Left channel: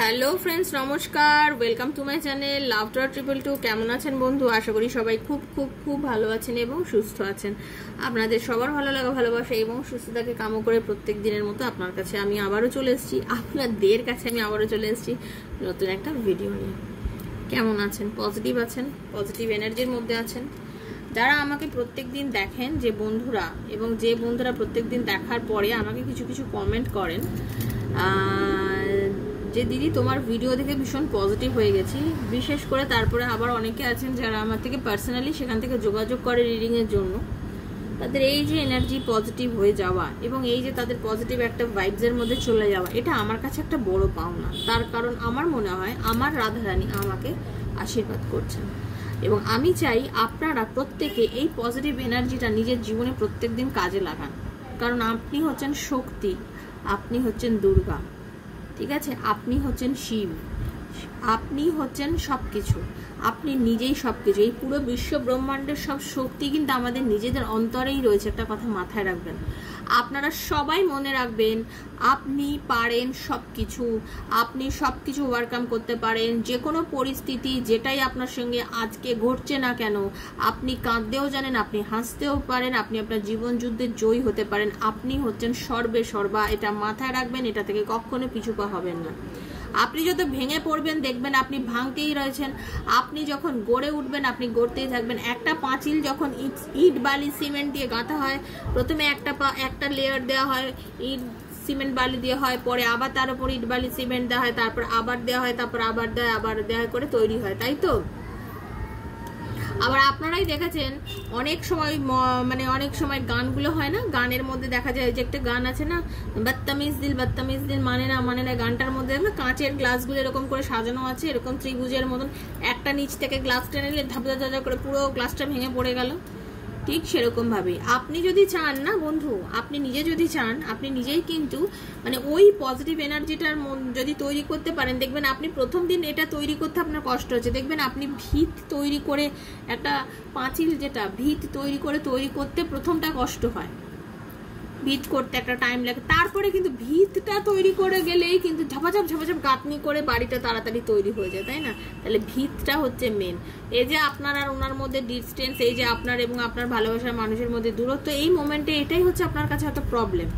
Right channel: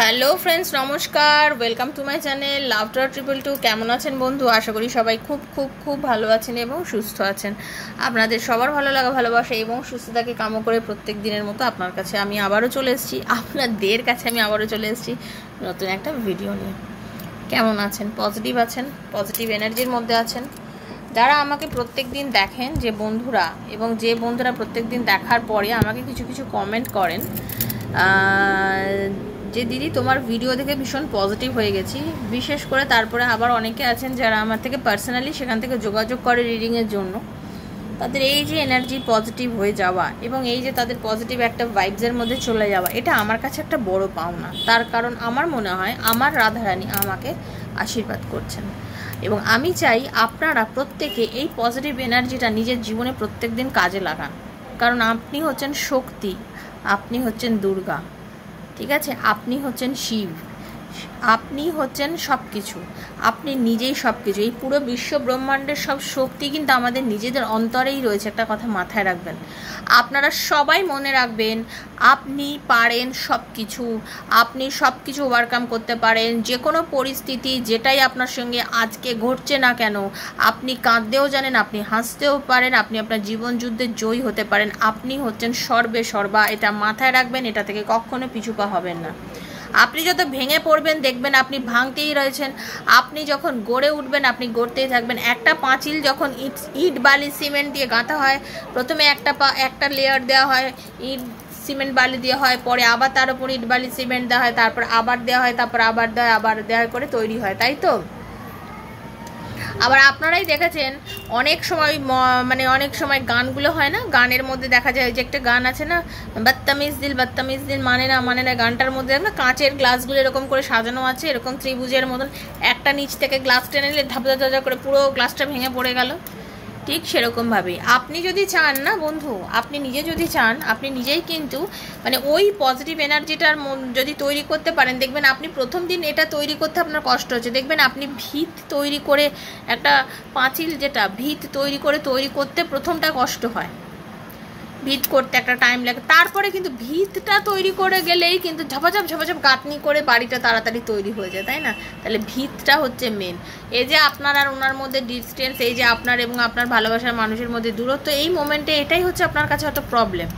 Hello friends, নমস্কার। Welcome to my channel লাভটার 222। কেমন আছেন বন্ধু? আশা করি সবাই খুব খুব খুব ভালো আছেন এবং সুস্থ আছেন। আপনাদের সবার ভালো লাগা, ভালোবাসা এবং সুস্থতাকে কামনা করে প্রত্যেক দিনের মতো আপনার কাছে আমি আবারও চলে এসেছি, আপনাদের কাছে আমি আবারও চলে এসেছি নতুন একটা ভিডিও নিয়ে। কেমন আছেন? পজিটিভ আছেন? পজিটিভ এনার্জির মধ্যে আছেন? যারা আমাকে প্রত্যেক দিন দেখেন, যে বন্ধুরা এবং যে বন্ধুরা প্রত্যেক দিন দেখার পরে আমাকে কিছু কিছু কমেন্ট করেন যে দিদি তোমার ভিডিও দেখে ভীষণ পজিটিভ হয়ে গেছি, বিশেষ করে তারপরে আবার অনেকে আছেন যারা আমার থেকে পার্সোনালি সেখান থেকে যোগাযোগ করে রিডিংয়ের জন্য। তাদের এই যে এনার্জি পজিটিভ হয়ে যাওয়া এবং এই যে তাদের পজিটিভ একটা ভাইবসের মধ্যে চলে যাওয়া, এটা আমার কাছে একটা বড় পাওনা। তার কারণ আমার মনে হয় আমার রাধারানী আমাকে আশীর্বাদ করছেন এবং আমি চাই আপনারা প্রত্যেকে এই পজিটিভ এনার্জিটা নিজের জীবনে প্রত্যেক দিন কাজে লাগান। কারণ আপনি হচ্ছেন শক্তি, আপনি হচ্ছেন দুর্গা, ঠিক আছে? আপনি হচ্ছেন শিব, আপনি হচ্ছেন সব কিছু, আপনি নিজেই সব কিছু। এই পুরো বিশ্ব ব্রহ্মাণ্ডের সব শক্তি কিন্তু আমাদের নিজেদের অন্তরেই রয়েছে। একটা কথা মাথায় রাখবেন, আপনারা সবাই মনে রাখবেন, আপনি পারেন সব কিছু, আপনি সব কিছু ওভারকাম করতে পারেন। যে কোনো পরিস্থিতি যেটাই আপনার সঙ্গে আজকে ঘটছে না কেন, আপনি কাঁদতেও জানেন, আপনি হাসতেও পারেন, আপনি আপনার জীবন যুদ্ধে জয়ী হতে পারেন। আপনি হচ্ছেন সর্বে সর্বা, এটা মাথায় রাখবেন, এটা থেকে কখনো পিছু পা হবেন না। আপনি যত ভেঙে পড়বেন দেখবেন আপনি ভাঙতেই রয়েছেন, আপনি যখন গড়ে উঠবেন আপনি গড়তেই থাকবেন। একটা পাঁচিল যখন ইট বালি সিমেন্ট দিয়ে গাঁথা হয়, প্রথমে একটা লেয়ার দেওয়া হয়, ইট সিমেন্ট বালি দেওয়া হয়, পরে আবার তার উপর ইট বালি সিমেন্ট দেওয়া হয়, তারপর আবার দেওয়া হয়, তারপর আবার দেওয়া হয় করে তৈরি হয়, তাই তো? আবার আপনারাই দেখেছেন অনেক সময় গানগুলো হয় না, গানের মধ্যে দেখা যায় যে একটা গান আছে না, বদতমিজ দিল মানে না, গানটার মধ্যে না কাঁচের গ্লাসগুলো এরকম করে সাজানো আছে, এরকম ত্রিভুজের মতন, একটা নিচ থেকে গ্লাস টেনে নিলে ধাপা করে পুরো গ্লাসটা ভেঙে পড়ে গেল। ঠিক সেরকমভাবেই আপনি যদি চান না বন্ধু, আপনি নিজে যদি চান, আপনি নিজেই কিন্তু ওই পজিটিভ এনার্জিটার যদি তৈরি করতে পারেন, দেখবেন আপনি প্রথম দিন এটা তৈরি করতে আপনার কষ্ট হচ্ছে, দেখবেন আপনি ভিত তৈরি করে একটা পাঁচিল, যেটা ভিত তৈরি করতে প্রথমটা কষ্ট হয়, ভিত করতে একটা টাইম লাগে, তারপরে কিন্তু ভিতটা তৈরি করে গেলেই কিন্তু ঝপাঝপ গাঁথনি করে বাড়িটা তাড়াতাড়ি তৈরি হয়ে যায়, তাই না? তাহলে ভিতটা হচ্ছে মেন। এই যে আপনার আর ওনার মধ্যে ডিস্টেন্স, এই যে আপনার এবং আপনার ভালোবাসার মানুষের মধ্যে দূরত্ব, এই মোমেন্টে এটাই হচ্ছে আপনার কাছে একটা প্রবলেম।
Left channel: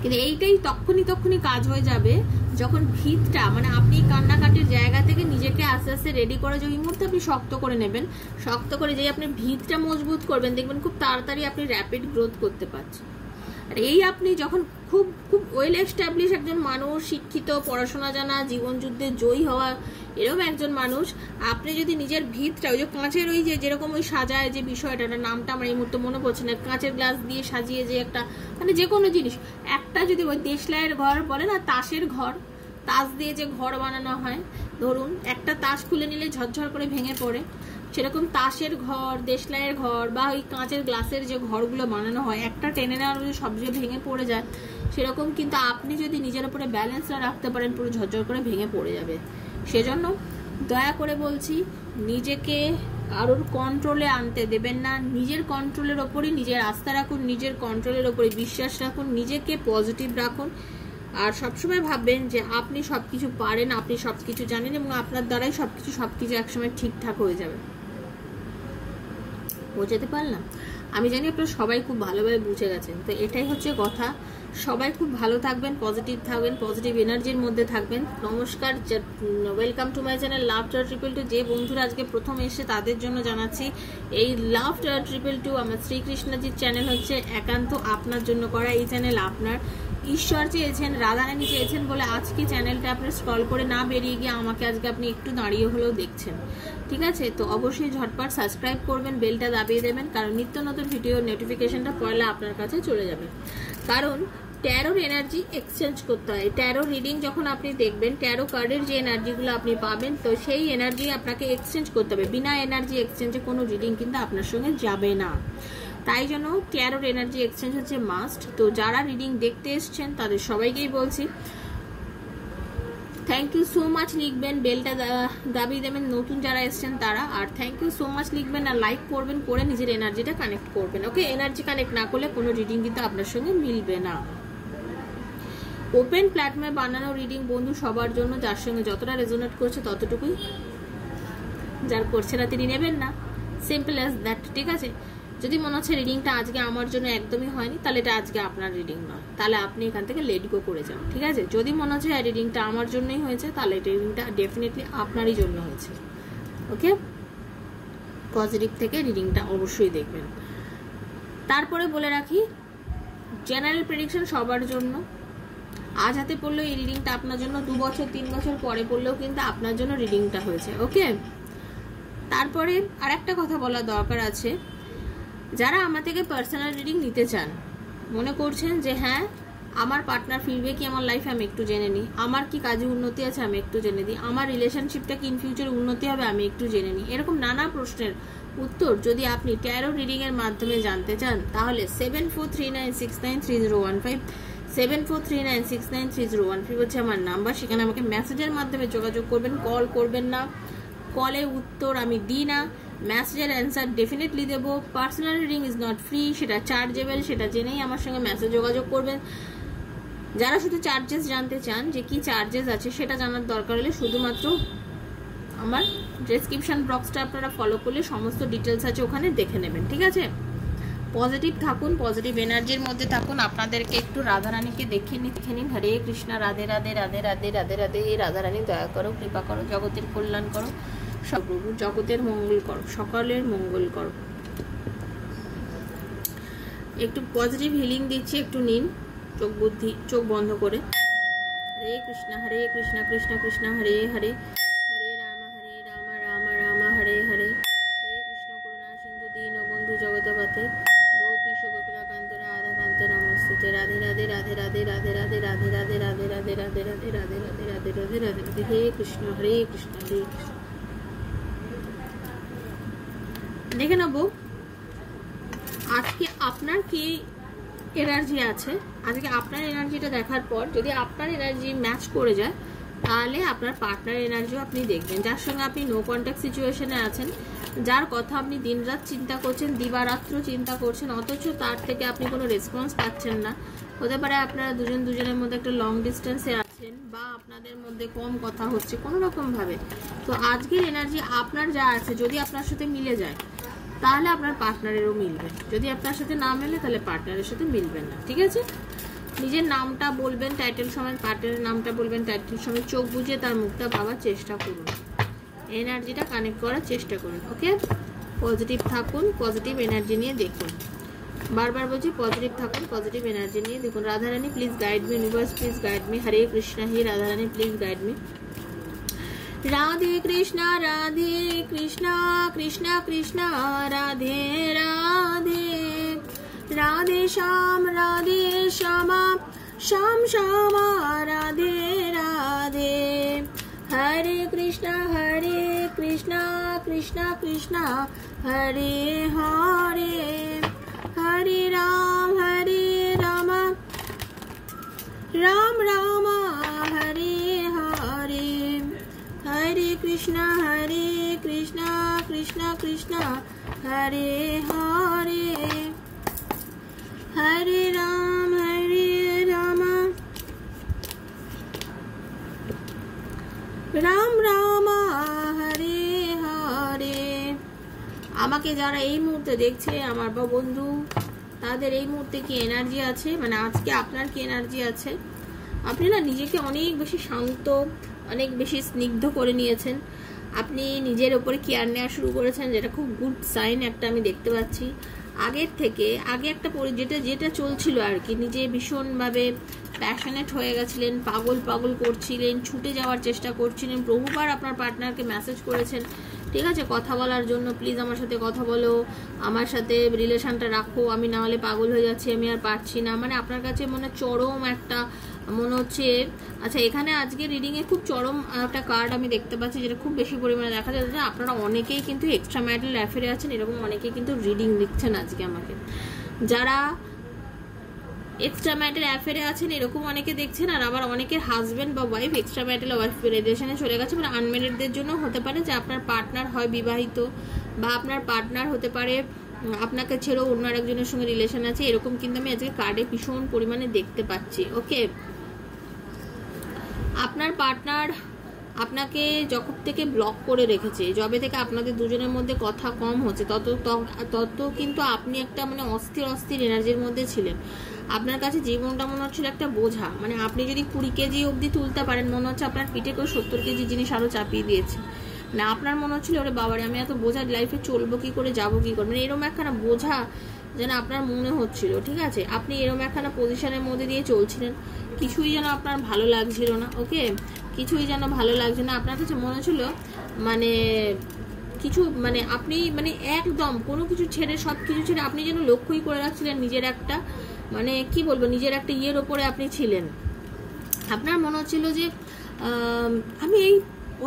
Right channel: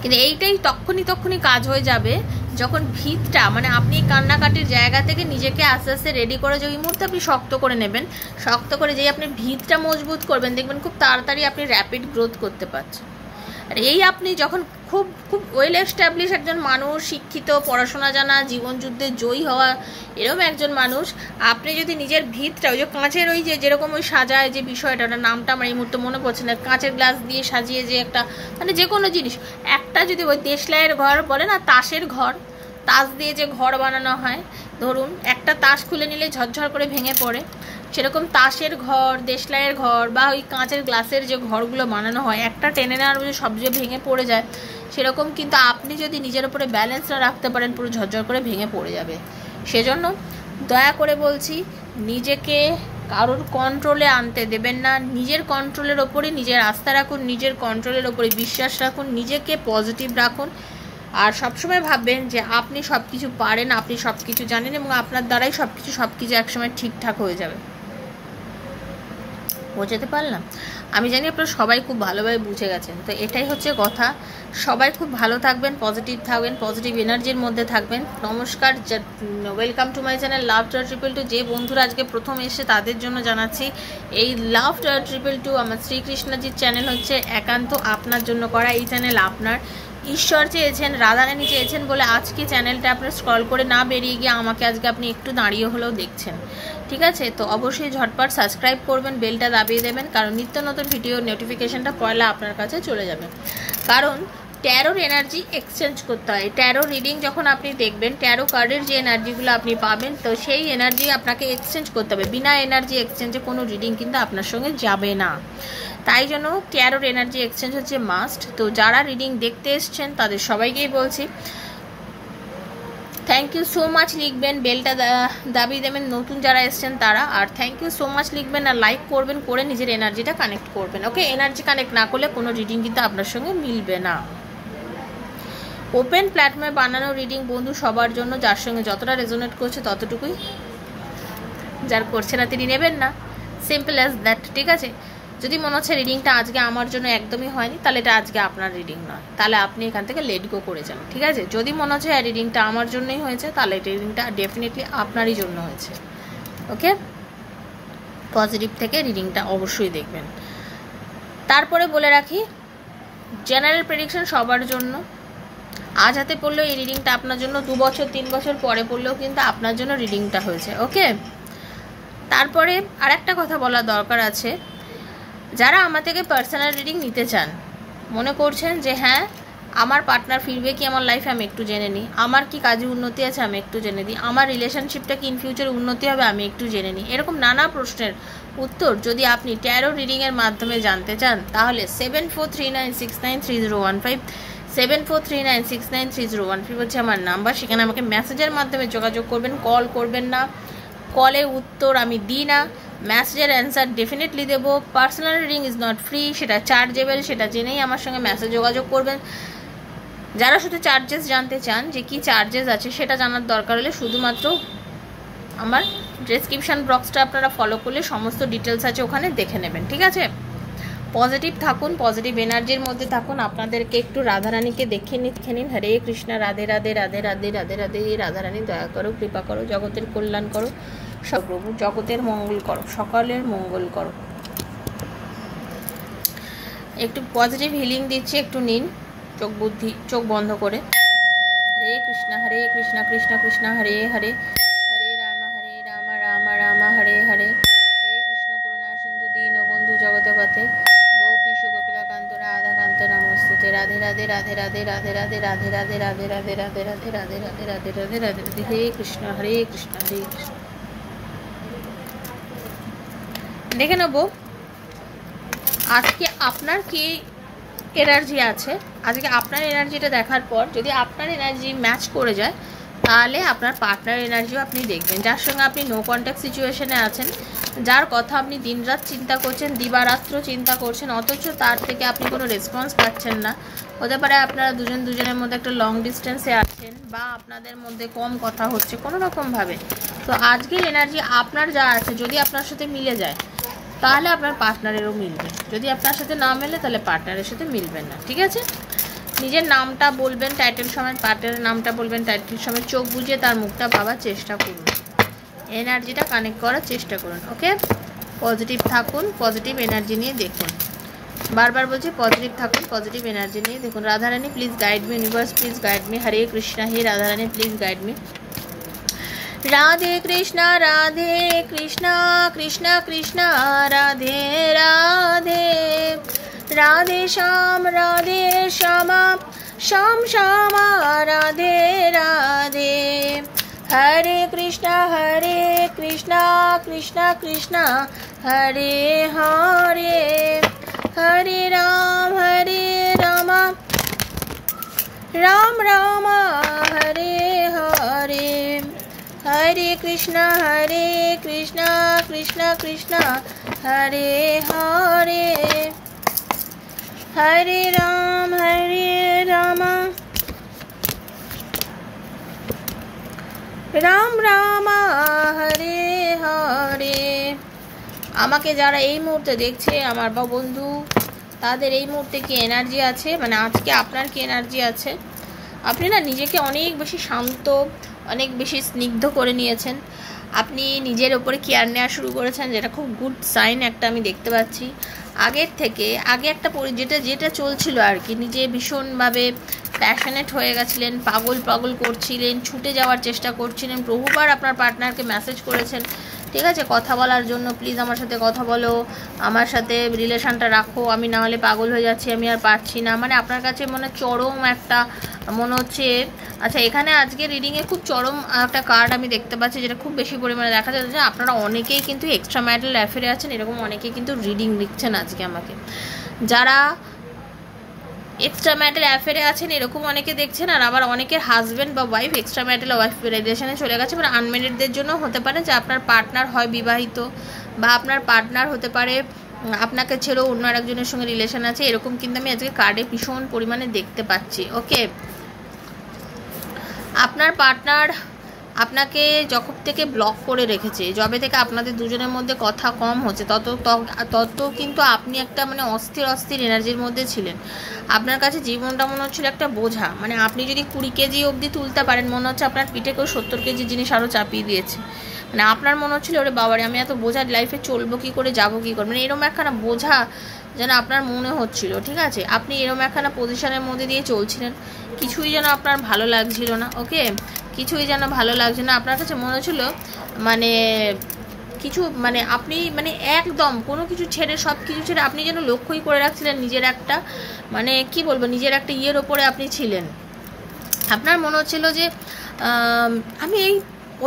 কিন্তু এইটাই তখনই কাজ হয়ে যাবে যখন ভিতটা আপনি কান্নাকাটির জায়গা থেকে নিজেকে আস্তে আস্তে রেডি করে, যে ওই মুহূর্তে আপনি শক্ত করে নেবেন, শক্ত করে যেই আপনি ভিতটা মজবুত করবেন, দেখবেন খুব তাড়াতাড়ি আপনি র্যাপিড গ্রোথ করতে পারছেন। আর এই আপনি যখন খুব খুব ওয়েল এস্টাবলিশ একজন মানুষ, শিক্ষিত, পড়াশোনা জানা, জীবন যুদ্ধে জয়ী হওয়া এরকম একজন মানুষ, আপনি যদি নিজের ভিতটা ওই যে কাঁচের ওই যে যেরকম ওই সাজায় যে বিষয়টা, ওটার নামটা আমার এই মুহূর্তে মনে পড়ছে না, কাঁচের গ্লাস দিয়ে সাজিয়ে যে একটা যে কোনো জিনিস, একটা যদি ওই দেশলাইয়ের ঘর বলে না, তাসের ঘর, তাস দিয়ে যে ঘর বানানো হয়, ধরুন একটা তাস খুলে নিলে ঝরঝর করে ভেঙে পড়ে, সেরকম তাসের ঘর, দেশলাইয়ের ঘর বা ওই কাঁচের গ্লাসের যে ঘরগুলো বানানো হয়, একটা টেনে নেওয়ার মধ্যে সব যে ভেঙে পড়ে যায়, সেরকম কিন্তু আপনি যদি নিজের উপরে ব্যালেন্স না রাখতে পারেন, পুরো ঝরঝর করে ভেঙে পড়ে যাবে। সেজন্য দয়া করে বলছি, নিজেকে কারোর কন্ট্রোলে আনতে দেবেন না, নিজের কন্ট্রোলের ওপরই নিজের আস্থা রাখুন, নিজের কন্ট্রোলের ওপরে বিশ্বাস রাখুন, নিজেকে পজিটিভ রাখুন। আর সবসময় ভাববেন যে আপনি সব কিছু পারেন, আপনি সব কিছু জানেন এবং আপনার দ্বারাই সব কিছু একসময় ঠিকঠাক হয়ে যাবে। বোঝাতে পারলাম? আমি জানি আপনারা সবাই খুব ভালোভাবে বুঝে গেছেন। তো এটাই হচ্ছে কথা, সবাই খুব ভালো থাকবেন, পজিটিভ থাকবেন, পজিটিভ এনার্জির মধ্যে থাকবেন। নমস্কার, ওয়েলকাম টু মাই চ্যানেল লাভটার 222। যে বন্ধুরা আজকে প্রথম এসে তাদের জন্য জানাচ্ছি, এই লাভটার 222 আমার শ্রীকৃষ্ণজির চ্যানেল হচ্ছে একান্ত আপনার জন্য করা। এই চ্যানেল আপনার ঈশ্বর চেয়েছেন, রাধারানী চেয়েছেন বলে আজকে চ্যানেলটা আপনার স্ক্রল করে না বেরিয়ে গিয়ে আমাকে আজকে আপনি একটু দাঁড়িয়ে হলেও দেখছেন, ঠিক আছে? তো অবশ্যই ঝটপট সাবস্ক্রাইব করবেন, বেলটা দাবিয়ে দেবেন, কারণ নিত্য নতুন ভিডিও নোটিফিকেশনটা পয়লা আপনার কাছে চলে যাবে। কারণ ট্যারোর এনার্জি এক্সচেঞ্জ করতে হয়। ট্যারো রিডিং যখন আপনি দেখবেন, ট্যারো কার্ডের যে এনার্জিগুলো আপনি পাবেন, তো সেই এনার্জি আপনাকে এক্সচেঞ্জ করতে হবে। বিনা এনার্জি এক্সচেঞ্জে কোনো রিডিং কিন্তু আপনার সঙ্গে যাবে না। তাই জন্য ট্যারোর এনার্জি এক্সচেঞ্জ হচ্ছে মাস্ট। তো যারা রিডিং দেখতে এসছেন তাদের সবাইকেই বলছি, থ্যাংক ইউ সো মাচ লিখবেন, বেলটা দাবিয়ে দেবেন নতুন যারা এসছেন তারা, আর থ্যাংক ইউ সো মাচ লিখবেন আর লাইক করবেন, করে নিজের এনার্জিটা কানেক্ট করবেন। ওকে, এনার্জি কানেক্ট না করলে কোনো রিডিং কিন্তু আপনার সঙ্গে মিলবে না। ওপেন প্ল্যাটফর্মে বানানো রিডিং বন্ধু সবার জন্য, যার সঙ্গে যতটা রেজোনেট করছে ততটুকুই, যার করছে না তিনি নেবেন না, সিম্পল অ্যাজ দ্যাট। ঠিক আছে, যদি মনে হচ্ছে রিডিংটা আজকে আমার জন্য একদমই হয়নি, তাহলে এটা আজকে আপনার রিডিং নয়, তাহলে আপনি এখান থেকে লেট গো করে যান। ঠিক আছে, যদি মনে হচ্ছে রিডিংটা আমার জন্যই হয়েছে, তাহলে রিডিংটা ডেফিনেটলি আপনারই জন্য হয়েছে। ওকে, পজিটিভ থেকে রিডিংটা অবশ্যই দেখবেন। তারপরে বলে রাখি, জেনারেল প্রেডিকশন সবার জন্য। আজ হাতে পড়লেও এই রিডিংটা আপনার জন্য, 2 বছর 3 বছর পরে পড়লেও কিন্তু আপনার জন্য রিডিংটা হয়েছে। ওকে, তারপরে আরেকটা কথা বলা দরকার আছে, যারা আমার থেকে পার্সোনাল রিডিং নিতে চান, মনে করছেন যে হ্যাঁ আমার পার্টনার ফিরবে কি আমার লাইফে, আমি একটু জেনে নিই, আমার কি কাজে উন্নতি আছে আমি একটু জেনে দিই, আমার রিলেশনশিপটা কি ইন ফিউচারে উন্নতি হবে আমি একটু জেনে নিই, এরকম নানা প্রশ্নের উত্তর যদি আপনি ট্যারো রিডিংয়ের মাধ্যমে জানতে চান, তাহলে 7439693015 7439693015 হচ্ছে আমার নাম্বার। সেখানে আমাকে মেসেজের মাধ্যমে যোগাযোগ করবেন, কল করবেন না, কলের উত্তর আমি দিই না, মেসেজের অ্যান্সার ডেফিনেটলি দেবো। Personal reading is not free, সেটা চার্জেবল, সেটা জেনেই আমার সঙ্গে মেসেজ যোগাযোগ করবেন। যারা শুধু চার্জেস জানতে চান যে কি চার্জেস আছে সেটা জানার দরকার হলে শুধুমাত্র আমার ডেসক্রিপশান বক্সটা আপনারা ফলো করলে সমস্ত ডিটেলস আছে ওখানে দেখে নেবেন। ঠিক আছে, পজিটিভ থাকুন, পজিটিভ এনার্জির মধ্যে থাকুন। আপনাদেরকে একটু রাধারানীকে দেখে নিন। হরে কৃষ্ণা, রাধে রাধে রাধে রাধে রাধে রাধে। রাধারানী দয়া করো, কৃপা করো, জগতের কল্যাণ করো, সর্বপ্রভু জগতের মঙ্গল করো, সকলের মঙ্গল করো। একটু পজিটিভ হিলিং দিচ্ছি, একটু নিন চোখ বন্ধ করে। হরে কৃষ্ণা কৃষ্ণ কৃষ্ণ হরে হরে, হরে রাম রাম রাম হরে হরে, হে কৃষ্ণ করুণা সিন্ধু দীনবন্ধু জগৎপতে, গোপীশ গোপিকাকান্ত রাধাকান্ত নমস্তুতে। রাধে রাধে রাধে রাধে রাধে রাধে রাধে রাধে রাধে রাধে রাধে রাধে রাধে রাধে রাধে রাধে রাধে রাধে। হে কৃষ্ণ কৃষ্ণ হরে কৃষ্ণ। দেখে নেব আজকে আপনার কি এনার্জি আছে। আজকে আপনার এনার্জিটা দেখার পর যদি আপনার এনার্জি ম্যাচ করে যায়, তাহলে আপনার পার্টনার এনার্জিও আপনি দেখবেন, যার সঙ্গে আপনি নো কন্ট্যাক্ট সিচুয়েশনে আছেন, যার কথা আপনি দিনরাত চিন্তা করছেন, দিবারাত্র চিন্তা করছেন, অথচ তার থেকে আপনি কোনো রেসপন্স পাচ্ছেন না। হতে পারে আপনারা দুজনের মধ্যে একটা লং ডিস্টেন্সে আছেন, বা আপনাদের মধ্যে কম কথা হচ্ছে কোনো রকমভাবে। তো আজকের এনার্জি আপনার যা আছে যদি আপনার সাথে মিলে যায়, তাহলে আপনার পার্টনারেরও মিলবে। যদি আপনার সাথে না মেলে, তাহলে পার্টনারের সাথে মিলবেন না। ঠিক আছে, নিজের নামটা বলবেন টাইটেল সময়, পার্টনারের নামটা বলবেন টাইটেল সময়, চোখ বুঝে তার মুখটা ভাবার চেষ্টা করুন, এনার্জিটা কানেক্ট করার চেষ্টা করুন। ওকে, পজিটিভ থাকুন, পজিটিভ এনার্জি নিয়ে দেখুন। বারবার বলছি পজিটিভ থাকুন, পজিটিভ এনার্জি নিয়ে দেখুন। Radharani please guide me, universe please guide me. Hare Krishna, হে Radharani please guide me. Radhe Krishna Krishna Krishna Radhe Radhe, Radhe Shyam Shyam Shyama Radhe Radhe. Hare Krishna Krishna Krishna Hare Hare, Hare Ram Ram Ram Hare Hare, Hare Krishna Krishna Krishna Hare Hare, Hare Ram Ram Ram Hare Hare. আমাকে যারা এই মুহূর্তে দেখছে আমার বা বন্ধু, তাদের এই মুহূর্তে কি এনার্জি আছে, মানে আজকে আপনার কি এনার্জি আছে? আপনি না নিজেকে অনেক বেশি শান্ত, অনেক বেশি স্নিগ্ধ করে নিয়েছেন, আপনি নিজের ওপরে কেয়ার নেওয়া শুরু করেছেন, যেটা খুব গুড সাইন একটা আমি দেখতে পাচ্ছি। আগের থেকে আগে একটা যেটা চলছিল আর কি, নিজে ভীষণভাবে প্যাশনেট হয়ে গেছিলেন, পাগল করছিলেন, ছুটে যাওয়ার চেষ্টা করছিলেন, বহুবার আপনার পার্টনারকে মেসেজ করেছেন, ঠিক আছে, কথা বলার জন্য, প্লিজ আমার সাথে কথা বলো, আমার সাথে রিলেশনটা রাখো, আমি না হলে পাগল হয়ে যাচ্ছি, আমি আর পারছি না, মানে আপনার কাছে মনে চরম একটা মনে হচ্ছে। আচ্ছা, এখানে আজকে রিডিংয়ে খুব চরম একটা কার্ড আমি দেখতে পাচ্ছি, যেটা খুব বেশি পরিমাণে দেখা যাচ্ছে। আপনারা অনেকেই কিন্তু এক্সট্রা ম্যারিটাল অ্যাফেয়ারে আছেন, এরকম অনেকেই কিন্তু রিডিং লিখছেন আজকে আমাকে। যারা এক্সট্রা ম্যারিটাল অ্যাফেয়ারে আছেন এরকম অনেকে দেখছেন, আর আবার অনেকের হাজব্যান্ড বা ওয়াইফ এক্সট্রা ম্যারিটাল ওয়াইফ রিলেশনে চলে গেছে, মানে আনম্যারিডদের জন্য হতে পারে যে আপনার পার্টনার হয় বিবাহিত, বা আপনার পার্টনার হতে পারে আপনাকে ছেড়েও অন্য আরেকজনের সঙ্গে রিলেশন আছে, এরকম কিন্তু আমি আজকে কার্ডে ভীষণ পরিমাণে দেখতে পাচ্ছি। ওকে, আপনার পার্টনার আপনাকে যখন থেকে ব্লক করে রেখেছে, যবে থেকে আপনাদের দুজনের মধ্যে কথা কম হচ্ছে, তত কিন্তু আপনি একটা মানে অস্থির এনার্জির মধ্যে ছিলেন। আপনার কাছে জীবনটা মনে হচ্ছিল একটা বোঝা, মানে আপনি যদি 20 কেজি অবধি তুলতে পারেন, মনে হচ্ছে আপনার পিঠে কেউ 70 কেজি জিনিস আরও চাপিয়ে দিয়েছে। মানে আপনার মনে হচ্ছিল ওরে বাবারে আমি এত বোঝা লাইফে চলবো কী করে, যাবো কী করে, মানে এরকম একখানা বোঝা যেন আপনার মনে হচ্ছিল। ঠিক আছে, আপনি এরকম একখানা পজিশনের মধ্যে দিয়ে চলছিলেন, কিছুই যেন আপনার ভালো লাগছিল না। ওকে, কিছুই যেন ভালো লাগছে না আপনার কাছে, মনে হচ্ছিল মানে কিছু মানে আপনি মানে একদম কোনো কিছু ছেড়ে, সব কিছু ছেড়ে আপনি যেন লক্ষ্যই করে রাখছিলেন নিজের একটা মানে কি বলবো, নিজের একটা ইয়ের ওপরে আপনি ছিলেন। আপনার মনে হচ্ছিল যে আমি এই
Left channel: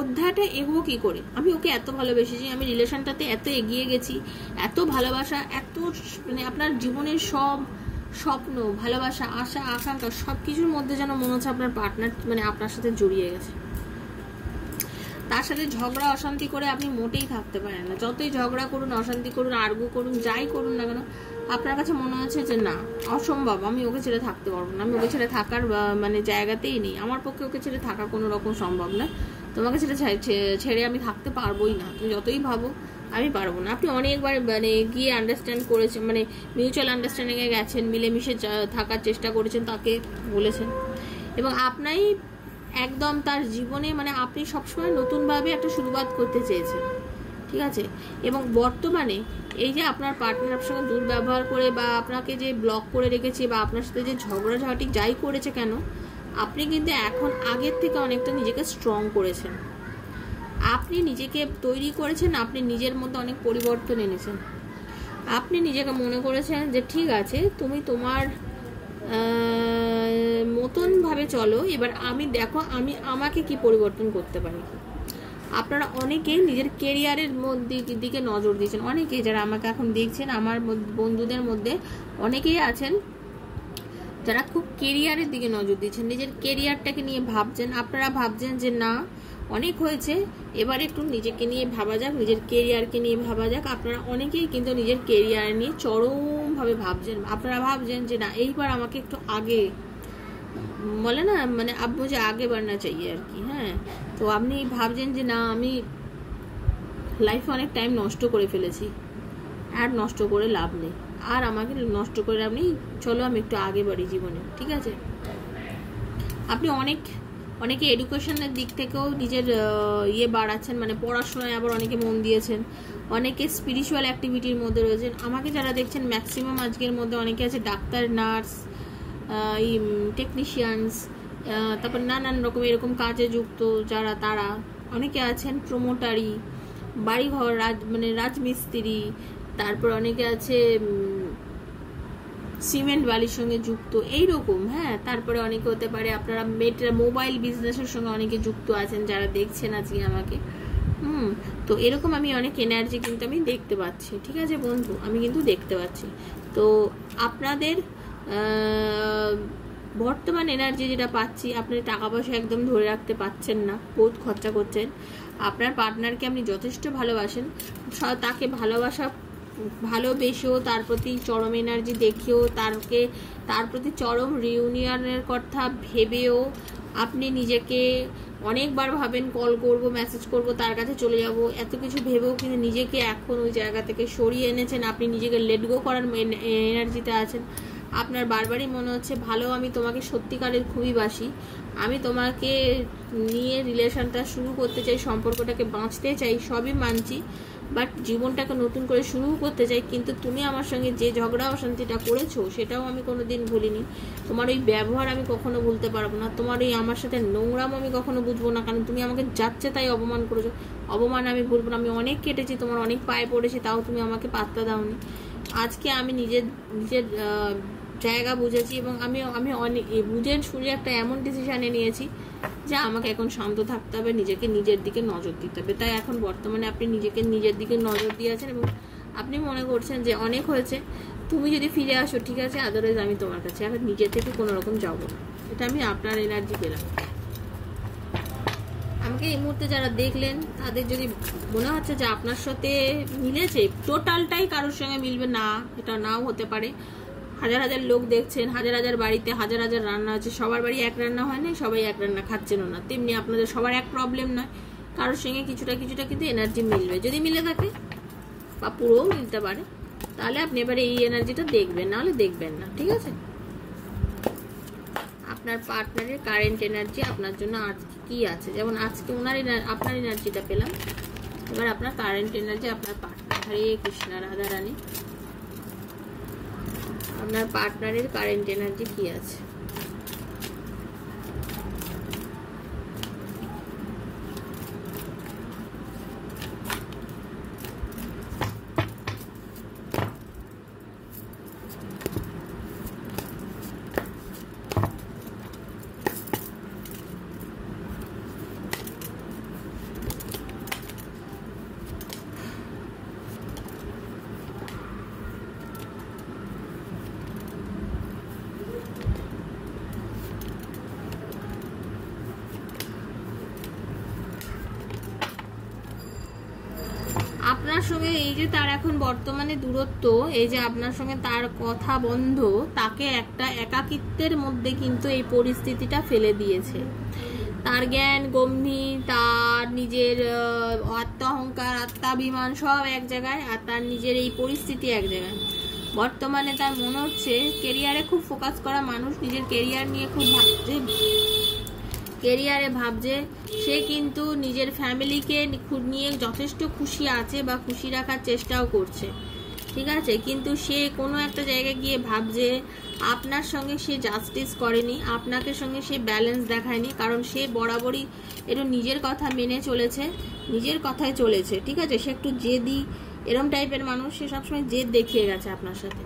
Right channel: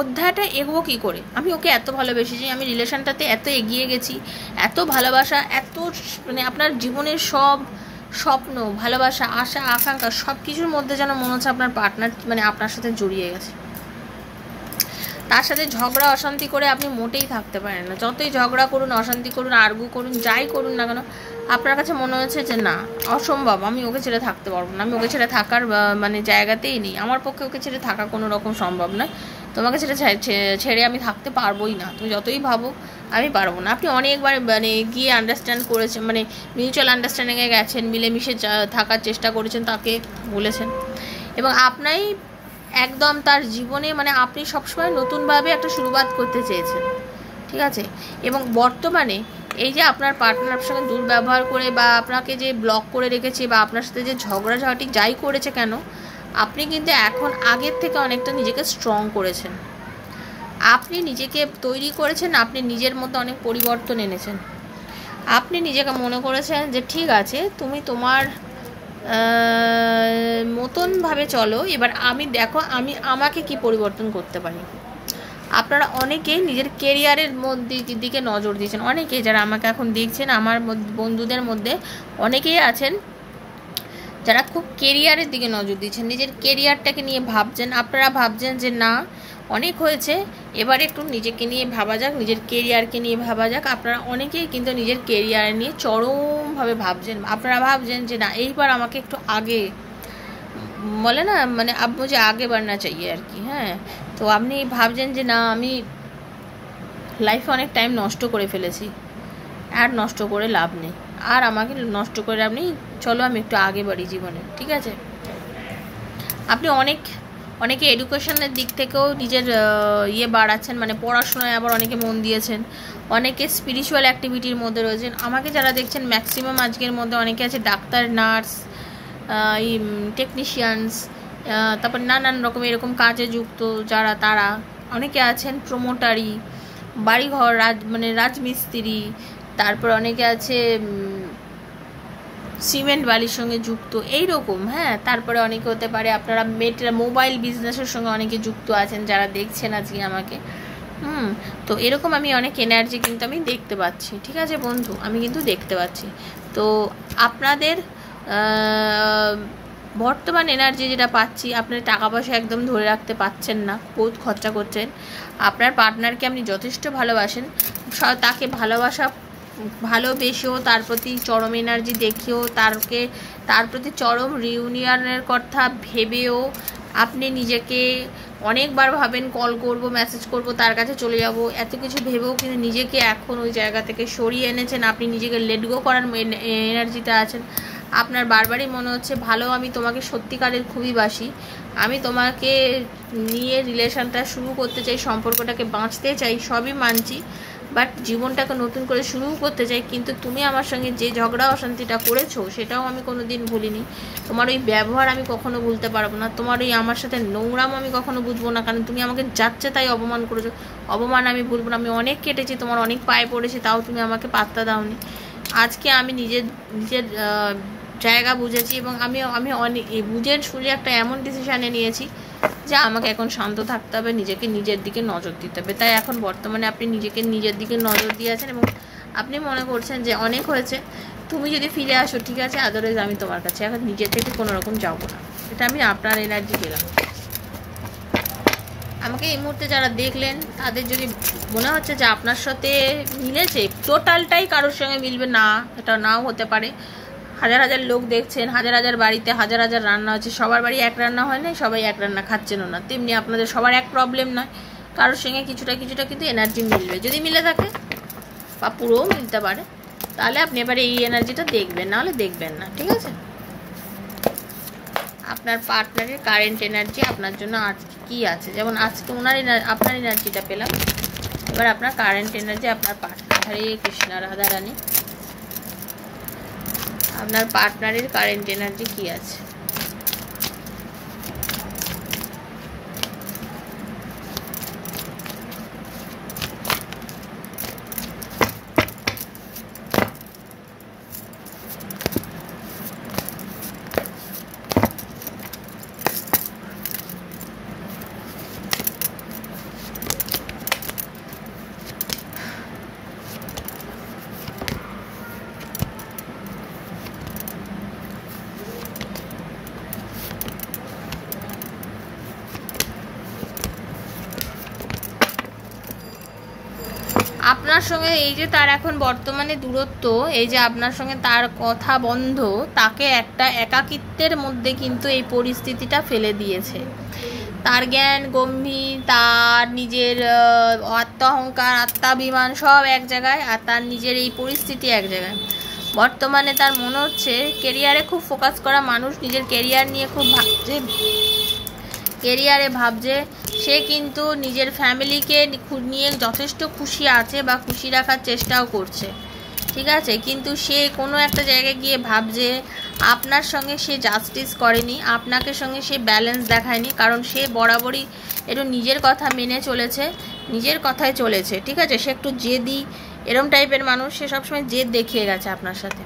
অধ্যায়টা এগোবো কী করে, আমি ওকে এত ভালোবেসেছি, আমি রিলেশনটাতে এত এগিয়ে গেছি, এত ভালোবাসা, এত মানে আপনার জীবনের সব স্বপ্ন, ভালোবাসা, আশা, আকাঙ্ক্ষা সব কিছুর মধ্যে যেন মনে হচ্ছে আপনার পার্টনার মানে আপনার সাথে জড়িয়ে গেছে। তার সাথে ঝগড়া অশান্তি করে আপনি মোটেই থাকতে পারেন না। যতই ঝগড়া করুন, অশান্তি করুন, আর্গু করুন, যাই করুন না কেন, আপনার কাছে মনে হচ্ছে যে না, অসম্ভব, আমি ওকে ছেড়ে থাকতে পারবো না, আমি ওকে ছেড়ে থাকার মানে জায়গাতেই নেই, আমার পক্ষে ওকে ছেড়ে থাকা কোনো রকম সম্ভব নয়, তোমাকে ছেড়ে আমি থাকতে পারবোই না, তুমি যতই ভাবো আমি পারবো না। আপনি অনেকবার মানে গিয়ে আন্ডারস্ট্যান্ড করেছেন, মানে মিউচুয়াল আন্ডারস্ট্যান্ডিংয়ে গেছেন, মিলেমিশে থাকার চেষ্টা করেছেন, তাকে বলেছেন, এবং আপনাই একদম তার জীবনে মানে আপনি সবসময় নতুনভাবে একটা শুরুয়াত করতে চেয়েছেন। ঠিক আছে, এবং বর্তমানে এই যে আপনার পার্টনার সঙ্গে দুর্ব্যবহার করে বা আপনাকে যে ব্লক করে রেখেছে বা আপনার সাথে যে ঝগড়াঝাটি যাই করেছে কেন, আপনি কিন্তু এখন আগের থেকে অনেকটা নিজেকে স্ট্রং করেছেন, আপনি নিজেকে তৈরি করেছেন, আপনি নিজের মধ্যে অনেক পরিবর্তন এনেছেন, আপনি নিজেকে মনে করেছেন যে ঠিক আছে তুমি তোমার মতনভাবে চলো, এবার আমি দেখো আমি আমাকে কি পরিবর্তন করতে পারি। আপনারা অনেকেই নিজের কেরিয়ারের দিকে নজর দিয়েছেন, অনেকেই যারা আমাকে এখন দেখছেন, আমার বন্ধুদের মধ্যে অনেকেই আছেন যারা খুব কেরিয়ারের দিকে নজর দিচ্ছেন, নিজের কেরিয়ারটাকে নিয়ে ভাবছেন। আপনারা ভাবছেন যে না অনেক হয়েছে, এবার একটু নিজেকে নিয়ে ভাবা যাক, নিজের কেরিয়ারকে নিয়ে ভাবা যাক। আপনারা অনেকেই কিন্তু নিজের কেরিয়ার নিয়ে চরমভাবে ভাবছেন। আপনারা ভাবছেন যে না এইবার আমাকে একটু আগে, বলে না মানে আব মুঝে আগে বাড়না চাইয়ে আর কি। হ্যাঁ, তো আপনি ভাবছেন যে না আমি লাইফে অনেক টাইম নষ্ট করে ফেলেছি, আর নষ্ট করে লাভ নেই, আর আমাকে নষ্ট করে লাভ নেই, চলো আমি একটু আগে বাড়ি জীবনে। ঠিক আছে, আপনি অনেকে এডুকেশনের দিক থেকেও নিজের ইয়ে বাড়াচ্ছেন, মানে পড়াশোনায় আবার অনেকে মন দিয়েছেন, অনেকে স্পিরিচুয়াল অ্যাক্টিভিটির মধ্যে রয়েছেন। আমাকে যারা দেখছেন ম্যাক্সিমাম আজকের মধ্যে অনেকে আছে ডাক্তার, নার্স, টেকনিশিয়ানস, তারপর নানান রকম এরকম কাজে যুক্ত যারা, তারা অনেকে আছেন প্রমোটারি, বাড়িঘর মানে রাজমিস্ত্রি, তারপর অনেকে আছে সিমেন্ট বালির সঙ্গে যুক্ত এইরকম। হ্যাঁ, তারপরে অনেকে হতে পারে আপনারা মোবাইল বিজনেসের সঙ্গে অনেকে যুক্ত আছেন যারা দেখছেন আজকে আমাকে। তো এরকম আমি অনেক এনার্জি কিন্তু আমি দেখতে পাচ্ছি। ঠিক আছে বন্ধু, আমি কিন্তু দেখতে পাচ্ছি। তো আপনাদের বর্তমান এনার্জি যেটা পাচ্ছি, আপনার টাকা পয়সা একদম ধরে রাখতে পাচ্ছেন না, বহুত খরচা করছেন। আপনার পার্টনারকে আপনি যথেষ্ট ভালোবাসেন, তাকে ভালোবেসেও তার প্রতি চরম এনার্জি দেখিয়েও তার প্রতি চরম রিউনিয়নের কথা ভেবেও আপনি নিজেকে অনেকবার ভাবেন কল করব, মেসেজ করব, তার কাছে চলে যাব, এত কিছু ভেবেও কিন্তু নিজেকে এখন ওই জায়গা থেকে সরিয়ে এনেছেন। আপনি নিজেকে লেট গো করার এনার্জিতে আছেন। আপনার বারবারই মনে হচ্ছে ভালো, আমি তোমাকে সত্যিকারের খুবই বাসি, আমি তোমাকে নিয়ে রিলেশনটা শুরু করতে চাই, সম্পর্কটাকে বাঁচতে চাই, সবই মানছি, বাট জীবনটাকে নতুন করে শুরু করতে চাই। কিন্তু তুমি আমার সঙ্গে যে ঝগড়া অশান্তিটা করেছো সেটাও আমি কোনো দিন ভুলিনি, তোমার ওই ব্যবহার আমি কখনো ভুলতে পারবো না, তোমার ওই আমার সাথে নোংরাম আমি কখনো বুঝবো না, কারণ তুমি আমাকে যাচ্ছে তাই অপমান করেছো, অপমান আমি ভুলবো না। আমি অনেক কেটেছি, তোমার অনেক পায়ে পড়েছি, তাও তুমি আমাকে পাত্তা দাওনি। আজকে আমি নিজের জায়গা বুঝেছি, এবং আমি অনেক বুঝে শুনে একটা এমন ডিসিশানে নিয়েছি যে আমাকে এখন শান্ত থাকতে হবে, নিজেকে নিজের দিকে নজর দিতে হবে। তাই এখন বর্তমানে আপনি নিজেকে নিজের দিকে নজর দিয়ে আছেন, এবং আপনি মনে করছেন যে অনেক হয়েছে, তুমি যদি ফিরে আসো ঠিক আছে, আদারওয়াইজ আমি তোমার কাছে এখন নিজের থেকে কোনো রকম যাবো না। এটা আমি আপনার এনার্জি পেলাম। আমাকে এই মুহূর্তে যারা দেখলেন তাদের যদি মনে হচ্ছে যে আপনার সাথে মিলেছে, টোটালটাই কারোর সঙ্গে মিলবে না, এটা নাও হতে পারে, হাজার হাজার লোক দেখছেন, হাজার হাজার বাড়িতে হাজার হাজার রান্না হচ্ছে, সবার বাড়ি এক রান্না হয় না, সবাই এক রান্না খাচ্ছেনও না। তেমনি আপনাদের সবার এক প্রবলেম নয়, কারোর সঙ্গে কিছুটা কিছুটা কিন্তু এনার্জি মিলবে। যদি মিলে থাকে বা পুরোও মিলতে পারে, তাহলে আপনি এবারে এই এনার্জিটা দেখবেন, নাহলে দেখবেন না, ঠিক আছে? আপনার পার্টনারের কারেন্ট এনার্জি আপনার জন্য আজকে কী আছে, যেমন আজকে আপনার এনার্জিটা পেলাম, এবার আপনার কারেন্ট এনার্জি আপনার পার্টনার। হরে কৃষ্ণ, রাধারানী, আপনার পার্টনারের কারেন্ট এনার্জি কী আছে? আপনার সঙ্গে এই যে তার এখন বর্তমানে দূরত্ব, এই যে আপনার সঙ্গে তার কথা বন্ধ, তাকে একটা একাকিত্বের মধ্যে কিন্তু এই পরিস্থিতিটা ফেলে দিয়েছে। তার জ্ঞান গম্ভীর, তার নিজের আত্মা অহংকার, আত্মাভিমান সব এক জায়গায়, আর তার নিজের এই পরিস্থিতি এক জায়গায়। বর্তমানে তার মনে হচ্ছে কেরিয়ারে খুব ফোকাস করা মানুষ, নিজের কেরিয়ার নিয়ে খুব ভাবছে, সে কিন্তু নিজের ফ্যামিলিকে নিয়ে যথেষ্ট খুশি আছে বা খুশি রাখার চেষ্টাও করছে, ঠিক আছে? কিন্তু সে কোনো একটা জায়গায় গিয়ে ভাবছে আপনার সঙ্গে সে জাস্টিস করেনি, আপনাকে সঙ্গে সে ব্যালেন্স দেখায়নি, কারণ সে বরাবরই একটু নিজের কথা মেনে চলেছে, নিজের কথায় চলেছে, ঠিক আছে? সে একটু জেদি এরম টাইপের মানুষ, সে সবসময় জেদ দেখিয়ে গেছে আপনার সাথে,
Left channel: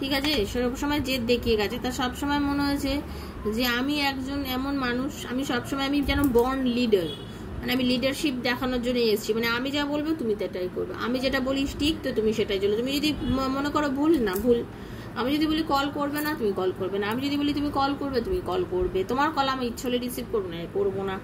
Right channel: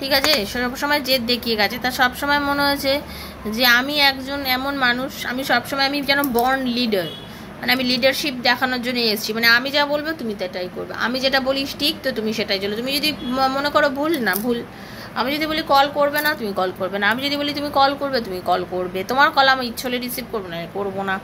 ঠিক আছে? সবসময় জেদ দেখিয়ে গেছে। তার সবসময় মনে হয়েছে যে আমি একজন এমন মানুষ, আমি সবসময় আমি যেন বর্ন লিডার, মানে আমি লিডারশিপ দেখানোর জন্য এসেছি, মানে আমি যা বলবো তুমি সেটাই করবে, আমি যেটা বলি ঠিক তো তুমি সেটাই চলো, তুমি যদি মনে করো ভুল না ভুল, আমি যদি বলি কল করবে না তুমি কল করবে না, আমি যদি বলি তুমি কল করবে তুমি কল করবে, তোমার কল আমি ইচ্ছে হলে রিসিভ করবো না, করবো না।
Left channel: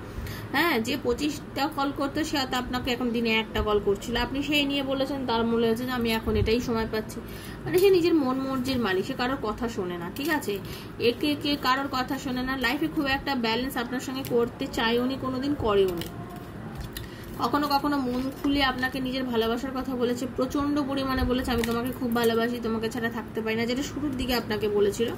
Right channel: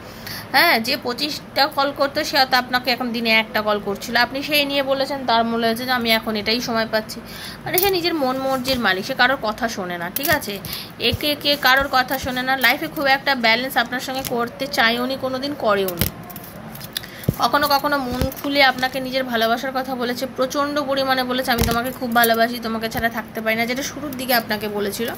হ্যাঁ, যে 25টা কল করতো সে হয়তো আপনাকে এখন দিনে একটা কল করছিল, আপনি সেই নিয়ে বলেছেন, তার মনে হয়েছে যে আমি এখন এটাই সময় পাচ্ছি। মানে সে নিজের মন মর্জির মালিক, সে কারোর কথা শোনে না, ঠিক আছে? একে কারোর কথা শোনে না। লাইফে খুব একটা ব্যালেন্স আপনার সঙ্গে করতে চাইও নি, কোনোদিন করেও নি। কখনো কখনো মন খুলে আপনাকে নিজের ভালোবাসার কথা বলেছে, প্রচণ্ড পরিমাণে বলেছে আমি তোমাকে খুব ভালোবাসি, তোমাকে ছাড়া থাকতে পারি না, যেটা শুরুর দিকে আপনাকে বলেছিল।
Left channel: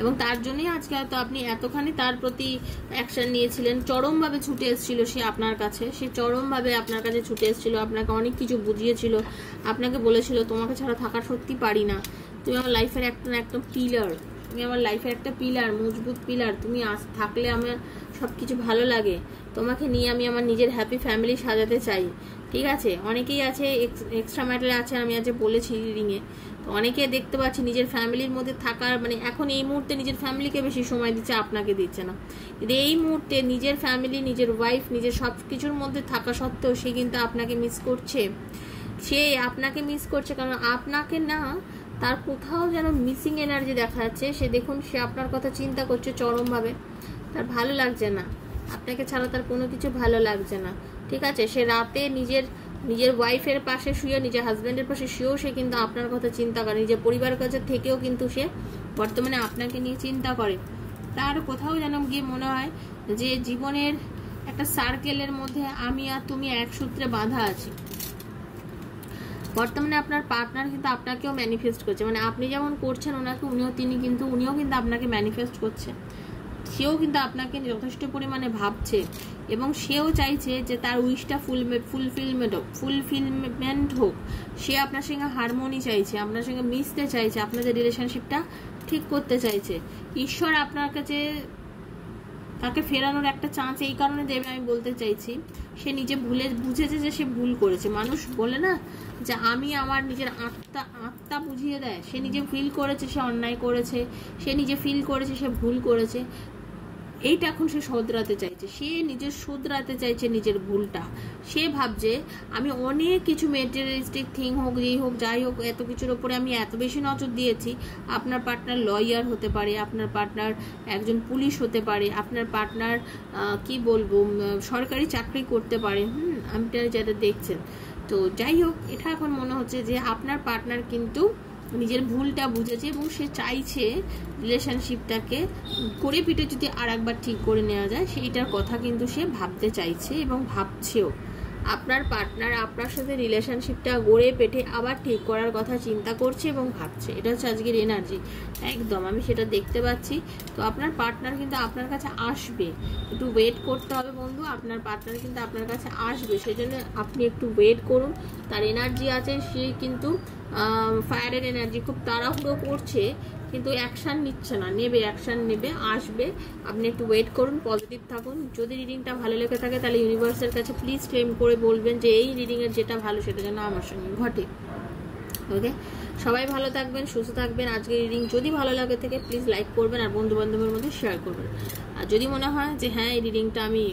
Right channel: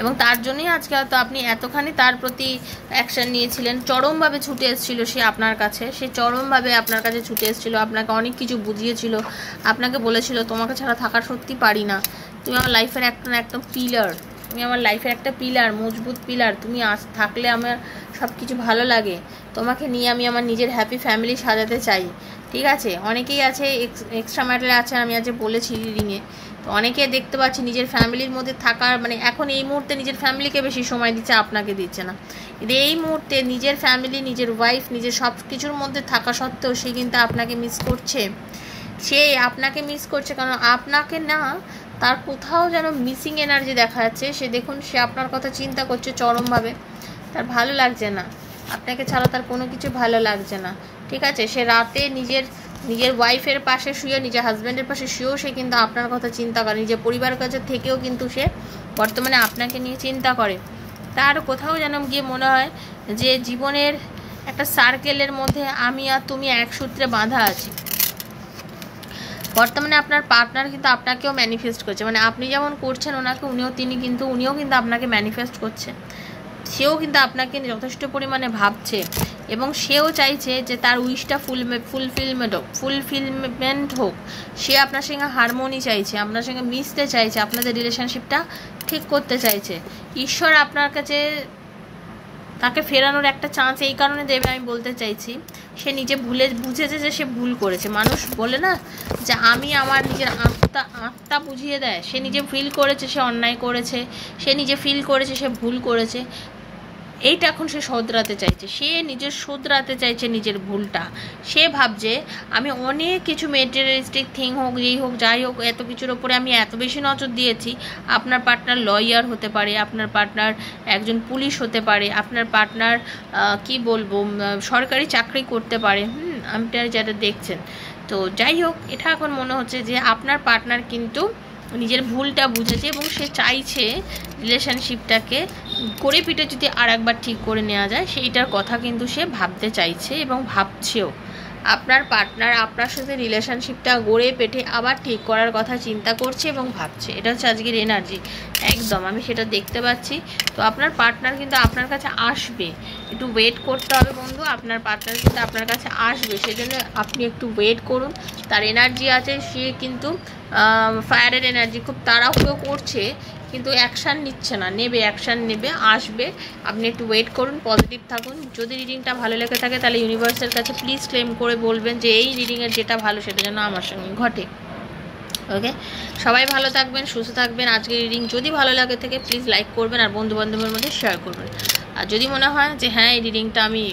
এবং তার জন্যই আজকে হয়তো আপনি এতখানি তার প্রতি অ্যাকশান নিয়েছিলেন, চরমভাবে ছুটে এসেছিলো সে আপনার কাছে, সে চরমভাবে আপনার কাছে ছুটে এসেছিলো, আপনাকে অনেক কিছু বুঝিয়েছিল, আপনাকে বলেছিল তোমাকে ছাড়া থাকা সত্যি পারি না, তুমি আমার লাইফের একটা পিলার, তুমি আমার লাইফের একটা পিলার, মজবুত পিলার, তুমি আজ থাকলে আমার সব কিছু ভালো লাগে, তোমাকে নিয়ে আমি আমার নিজের হ্যাপি ফ্যামিলি সাজাতে চাই, ঠিক আছে? অনেকেই আছে এক্সট্রা ম্যাটারে আছে, আমি আজ বলেছি রিডিংয়ে, তো অনেকে দেখতে পাচ্ছি নিজের ফ্যামিলির মধ্যে থাকার, মানে এখন এই মুহূর্তে নিজের ফ্যামিলিকে বেশি সময় দিচ্ছে, আপনাকে দিচ্ছে না। কিন্তু এই মুহূর্তে নিজের ফ্যামিলি, নিজের ওয়াইফ, নিজের সব কিছুর মধ্যে থাকা সত্ত্বেও সে কিন্তু আপনাকে মিস করছে, সে আপনাকে মিস করছে, কারণ আপনাকে না তার কোথাও যেন মিসিং এনার্জি দেখা যাচ্ছে। সে দেখুন, সে আপনার কথা চিন্তা করছে চরমভাবে, তার ভালো লাগছে না, আপনাকে ছাড়া তার কোনো কিছু ভালো লাগছে না, ঠিক আছে? সে রাতে নিজের ওয়াইফের পাশে শুয়ে, নিজের হাজব্যান্ডের পাশে শুয়েও সে কিন্তু আপনার কথা চিন্তা করে, নিজের পরিবারের কাছে থেকেও কিন্তু সে বর্তমানে আপনাকে নিয়ে চিন্তা করে। তার কোথাও যেন গিয়ে মনে হয় যে জীবনের একটা সার্কেলের মধ্যে আমি আর তুমি এক সূত্রে বাঁধা আছি। বর্তমানে আপনার পার্টনার কিন্তু আপনাকেও ম্যানিফেস্ট করছে, মানে আপনি যেমন করছেন ওনাকে, উনিও কিন্তু আপনাকে ম্যানিফেস্ট করছে, সেও কিন্তু আপনাকে যথেষ্ট পরিমাণে ভাবছে, এবং সেও চাইছে যে তার উইশটা ফুলফিলমেন্ট হোক, সে আপনার সঙ্গে হারমোনি চাইছে, আপনার সঙ্গে মিশতে চাইছে, আপনাদের রিলেশনশিপটা ঠিক করতে চাইছে। ঈশ্বর আপনার কাছে তাকে ফেরানোর একটা চান্স এই কারণে দেবে, আমি বলতে চাইছি সে নিজে বুঝেছে যে সে ভুল করেছে। মানুষ বলে না যে আমি আমার নিজের আত্মা বুঝিয়ে দেয়, সে নিজে ফিল করেছে সে অন্যায় করেছে, সে নিজে ফিল করেছে সে ভুল করেছে, এইটা এখন সে শোধরাতে চাইছে, সে শোধরাতে চাইছে নিজের ভুলটা। সে ভাবছে আমি অনেক কিছু মেটেরিয়ালিস্টিক থিং হোক, যেই হোক যাই হোক, এত কিছুর ওপরে আমি এত বেশি নজর দিয়েছি। আপনার পার্টনার লয়ার হতে পারে, আপনার পার্টনার একজন পুলিশ হতে পারে, আপনার পার্টনার কি বলবো সরকারি চাকরি করতে পারে, আপনি যেটা দেখছেন। তো যাই হোক, এটা এখন মনে হচ্ছে যে আপনার পার্টনার কিন্তু নিজের ভুলটা বুঝেছে এবং সে চাইছে রিলেশনশিপটাকে করে পিটে যদি আর একবার ঠিক করে নেওয়া যায় সেইটার কথা কিন্তু সে ভাবতে চাইছে এবং ভাবছেও। আপনার পার্টনার আপনার সাথে রিলেশনশিপটা গড়ে পেটে আবার ঠিক করার কথা চিন্তা করছে এবং ভাবছে। এটা হচ্ছে আজকের এনার্জি, একদম আমি সেটা দেখতে পাচ্ছি। তো আপনার পার্টনার কিন্তু আপনার কাছে আসবে, একটু ওয়েট করতে হবে বন্ধু। আপনার পার্টনার কিন্তু আপনার কাছে আসবে, সেজন্য আপনি একটু ওয়েট করুন। তার এনার্জি আছে, সে কিন্তু ফায়ারের এনার্জি, খুব তাড়াহুড়ো করছে কিন্তু অ্যাকশান নিচ্ছে না, নেবে, অ্যাকশান নেবে, আসবে। আপনি একটু ওয়েট করুন, পজিটিভ থাকুন। যদি রিডিংটা ভালো লেগে থাকে তাহলে ইউনিভার্সের কাছে প্লিজ ক্লেম করে বলবেন যে এই রিডিংয়ের যেটা ভালো সেটা যেন আমার সঙ্গে ঘটে। ওকে, সবাই ভালো থাকবেন, সুস্থ থাকবেন। আজকের রিডিং যদি ভালো লাগে থাকে প্লিজ লাইক করবেন আর বন্ধুবান্ধবের মধ্যে শেয়ার করবেন। আর যদি মনে হয় যে হ্যাঁ এই রিডিংটা আমি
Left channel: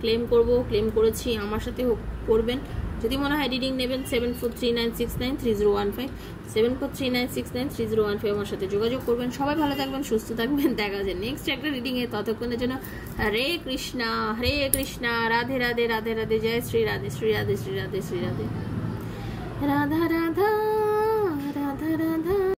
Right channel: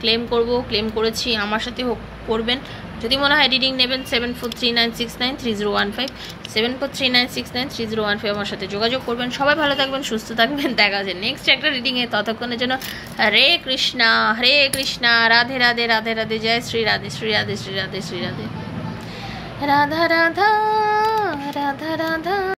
ক্লেম করব, ক্লেম করেছি, আমার সাথে করবেন। যদি মনে হয় রিডিং নেবেন 7439693015, 7439693015 আমার সাথে যোগাযোগ করবেন। সবাই ভালো থাকবেন, সুস্থ থাকবেন। দেখা যাচ্ছে নেক্সট একটা রিডিংয়ে। ততক্ষণের জন্য হরে কৃষ্ণা, হরে কৃষ্ণা, রাধে রাধে, রাধে রাধে, জয় শ্রী রাধে, শ্রী রাধে, শ্রী রাধে, শ্রী রাধে, রাধা রাধা।